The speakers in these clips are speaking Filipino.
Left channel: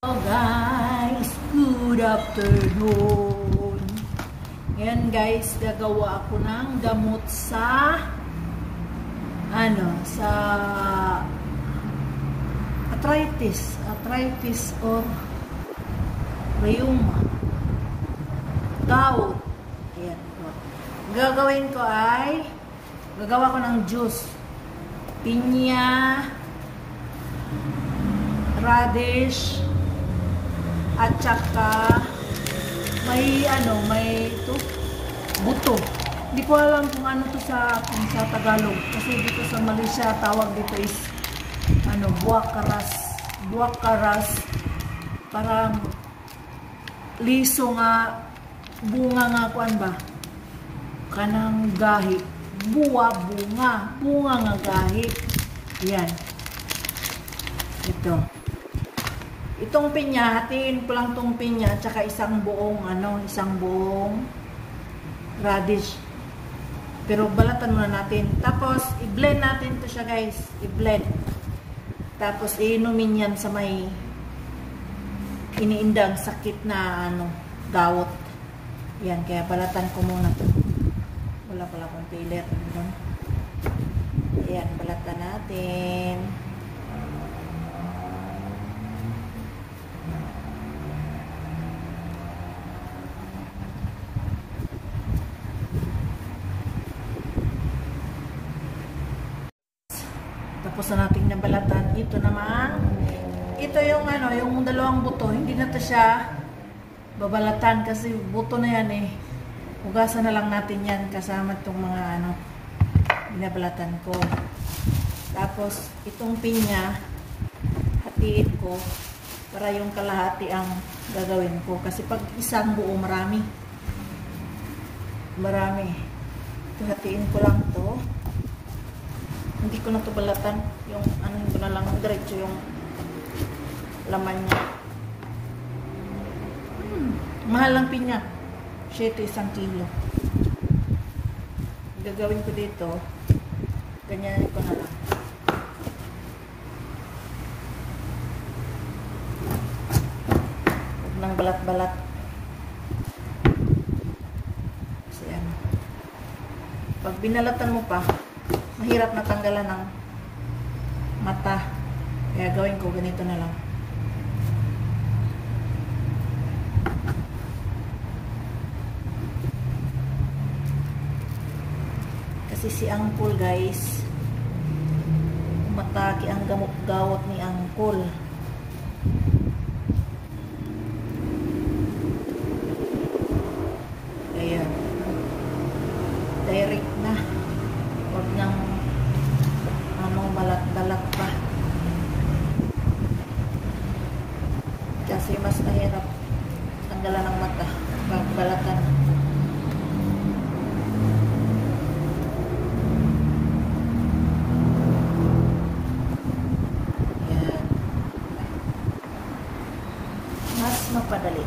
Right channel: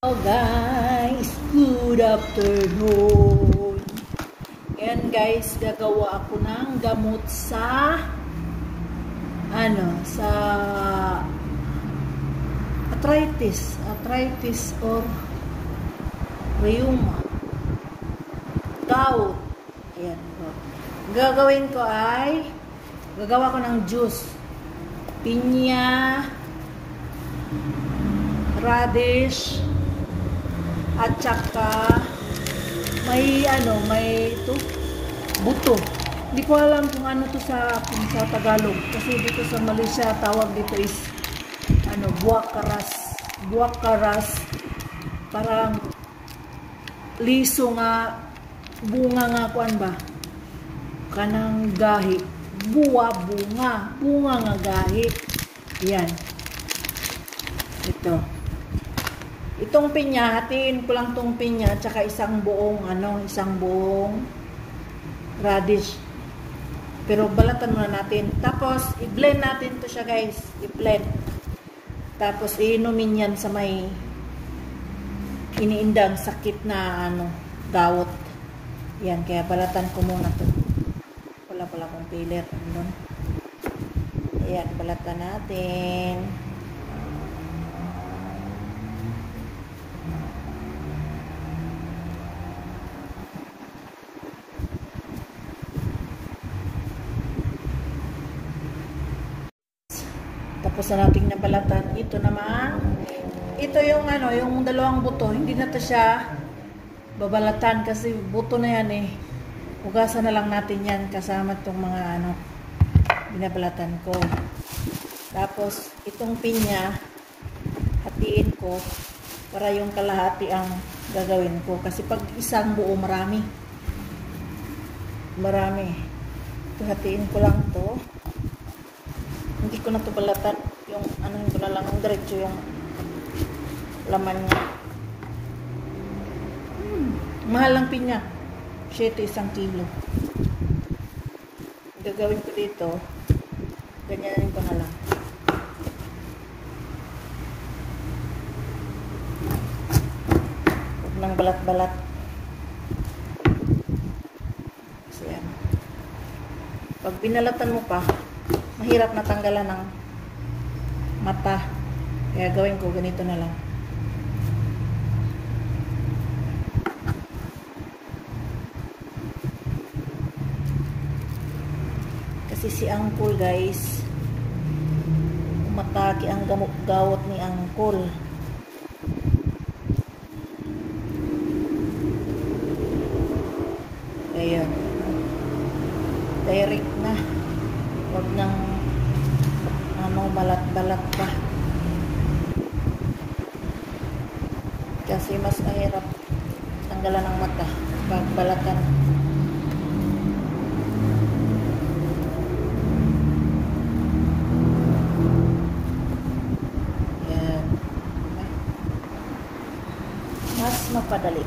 Hello guys, good afternoon. Ngayon guys, gagawa ako ng gamot sa arthritis or rheuma, gout. Ayan. Gagawin ko ay gagawa ko ng juice, pinya, radish, at saka may ito, buto. Hindi ko alam kung ano to sa Tagalog. Kasi dito sa Malaysia, tawag dito is buwak karas. Parang liso nga, bunga nga kuan ba? Kanang gahi. Bunga nga gahi. Yan. Itong pinya, hatiin ko lang tong pinya at saka isang buong radish. Pero balatan muna natin. Tapos i-blend natin to siya guys, i-blend. Tapos iinumin yan sa may iniindang sakit na gout. Yan, kaya balatan ko muna to. Wala pala akong pilit. Ayan, balatan natin. Tapos na nating nabalatan. Ito naman, ito yung yung dalawang buto. Hindi na to siya babalatan kasi buto na yan eh. Hugasan na lang natin yan kasama itong mga binabalatan ko. Tapos itong pinya, hatiin ko para yung kalahati ang gagawin ko. Kasi pag isang buo, marami. Ito, hatiin ko lang to. Hindi ko na ito balatan. Yung ko na lang diretso yung laman niya. Mahal lang pinya. Siya ito 1 kilo. Gagawin ko dito. Ganyan ito na lang. Huwag nang balat-balat. Kasi pag binalatan mo pa, mahirap natanggalan ng mata. Kaya gawin ko ganito na lang. Kasi si Uncle guys, mataki ang gamot-gawot ni Uncle. Ayan. Direct na. Huwag nang balat-balat pa. Kasi mas mahirap tanggalan ng mata pag balatan. Yan. Mas mapadali.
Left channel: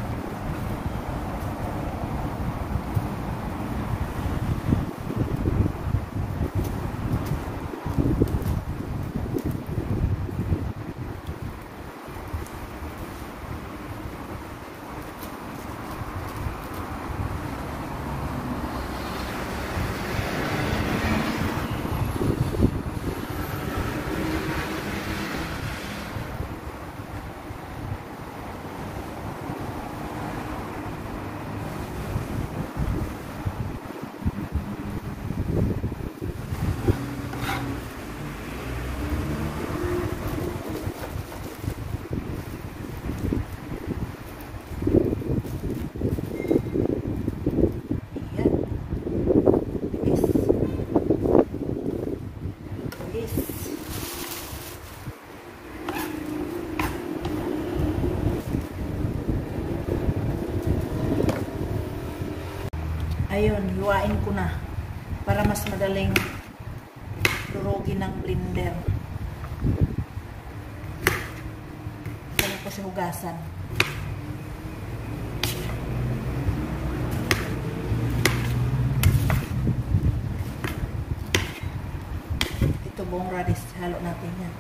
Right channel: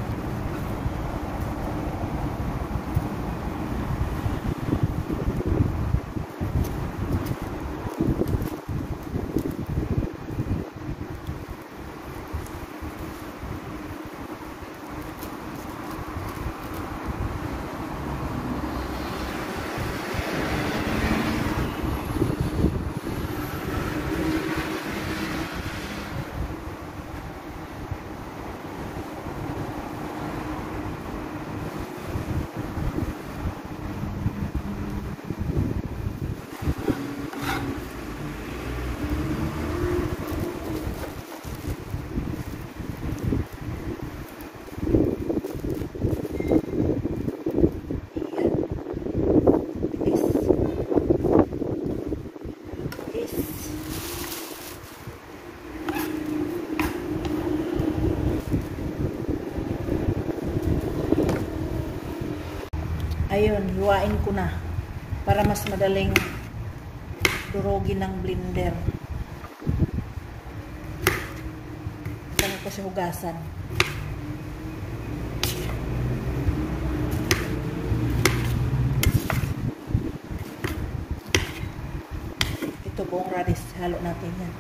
Ayun, hiwain ko na para mas madaling durugin ng blender. Kaya ko siya hugasan. Ito buong radish, halo natin yan.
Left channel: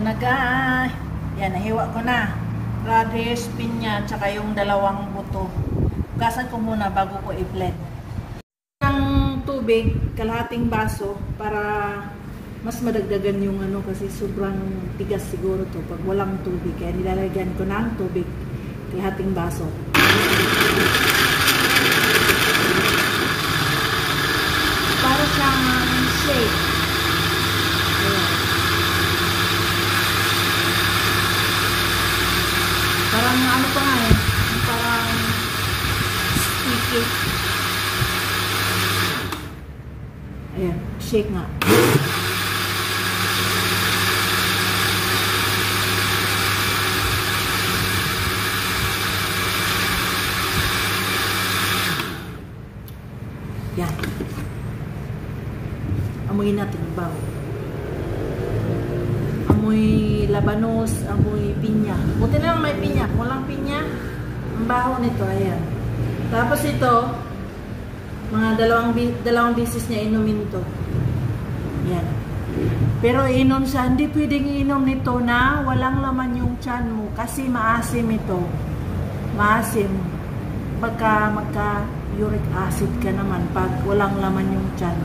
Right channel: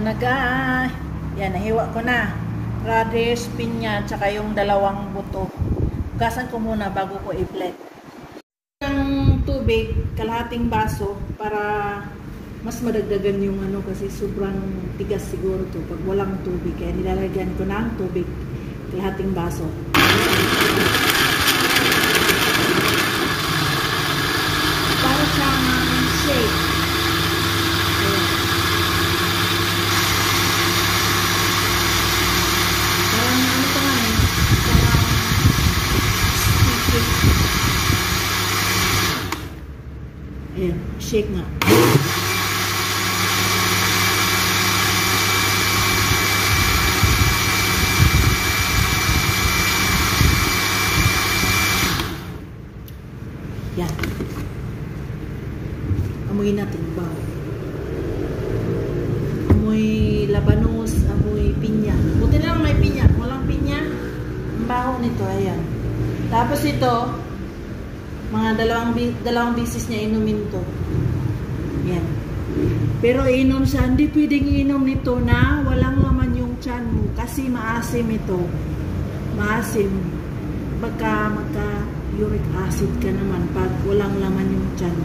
na guys. Yan, nahiwa ko na. Radish, pinya, tsaka yung dalawang buto. Hugasan ko muna bago ko i-blend. Ang tubig, kalahating baso para mas madagdagan yung ano kasi sobrang tigas siguro to pag walang tubig. Kaya nilalagyan ko ng tubig, kalahating baso. Para siyang shake. Parang ano pa nga eh, parang sticky. Ayan, shake nga. Yan. Amoy natin bang. Amoy labanos, amoy pinya. Buti na lang may pinya. Kung walang pinya, ang baho nito. Ayan. Tapos ito, mga dalawang bisis niya inumin to. Yan. Pero inom siya, hindi pwedeng inom nito na walang laman yung tiyan mo kasi maasim ito. Maasim. Magka uric acid ka naman pag walang laman yung tiyan.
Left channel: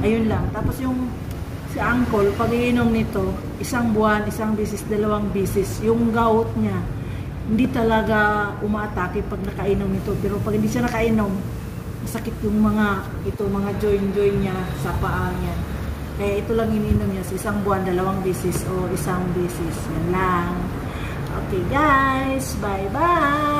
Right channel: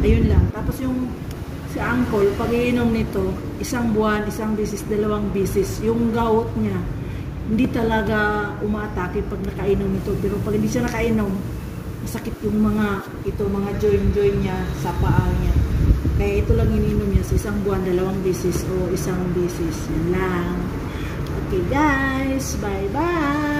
Ayun lang. Tapos yung si uncle, pag iinom nito, isang buwan, isang bisis, dalawang bisis, yung gout niya, hindi talaga umaatake pag nakainom nito. Pero pag hindi siya nakainom, masakit yung mga joint niya sa paa niya. Kaya ito lang ininom niya sa isang buwan, dalawang bisis o isang bisis. Yan lang. Okay guys, bye bye!